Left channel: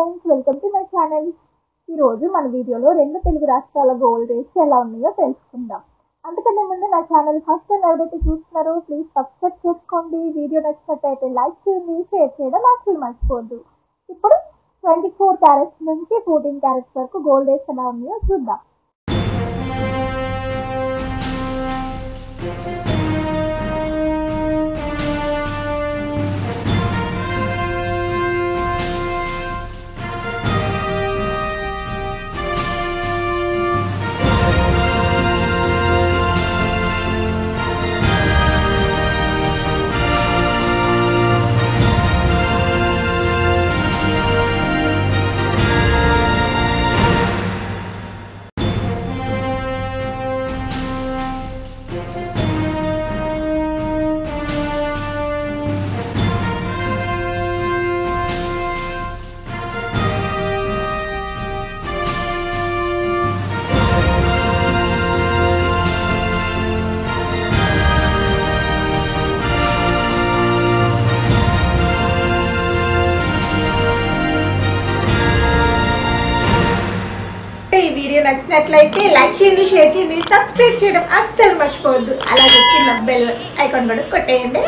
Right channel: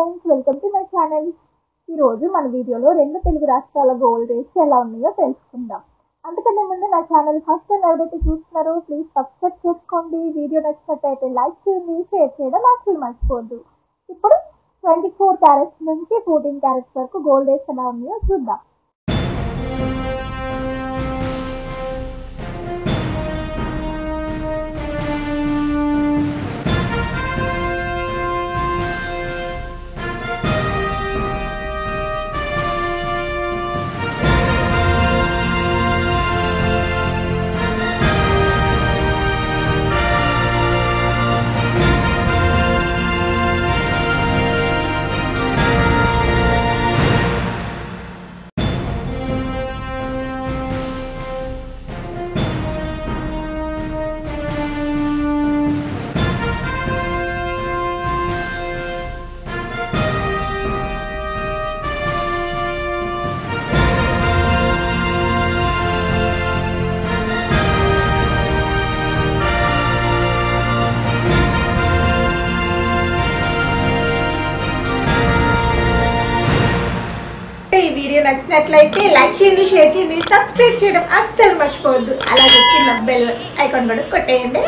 Friends, welcome to my channel. ఈరోజు మన వీడియోలో రెండు తెలుగు రాష్ట్రాల గోల్డ్ రేట్స్ ఎలా ఉన్నాయో తెలుసుకుందాం. అంతకన్నా ముందు నా ఛానల్ ఫస్ట్ టైం ఎవరైతే చూస్తున్నారో ప్లీజ్ సబ్స్క్రైబ్ చేసుకోండి. వీడియో నచ్చినట్టయితే లైక్ చేయండి, షేర్ చేయడం అసలు మర్చిపోవద్దు. ఇప్పుడు 24 క్యారెట్స్ నుంచి 14 క్యారెట్స్ వరకు గోల్డ్ రేట్స్ ఎలా ఉన్నాయో చూద్దాం. ఈ వీడియో నచ్చినట్లయితే లైక్ చేయండి, షేర్ చేయండి, సబ్స్క్రైబ్ చేయడం అస్సలు మర్చిపోవద్దు. అలాగే కింద బెల్ ఐకాన్ కూడా కొట్టేయండి.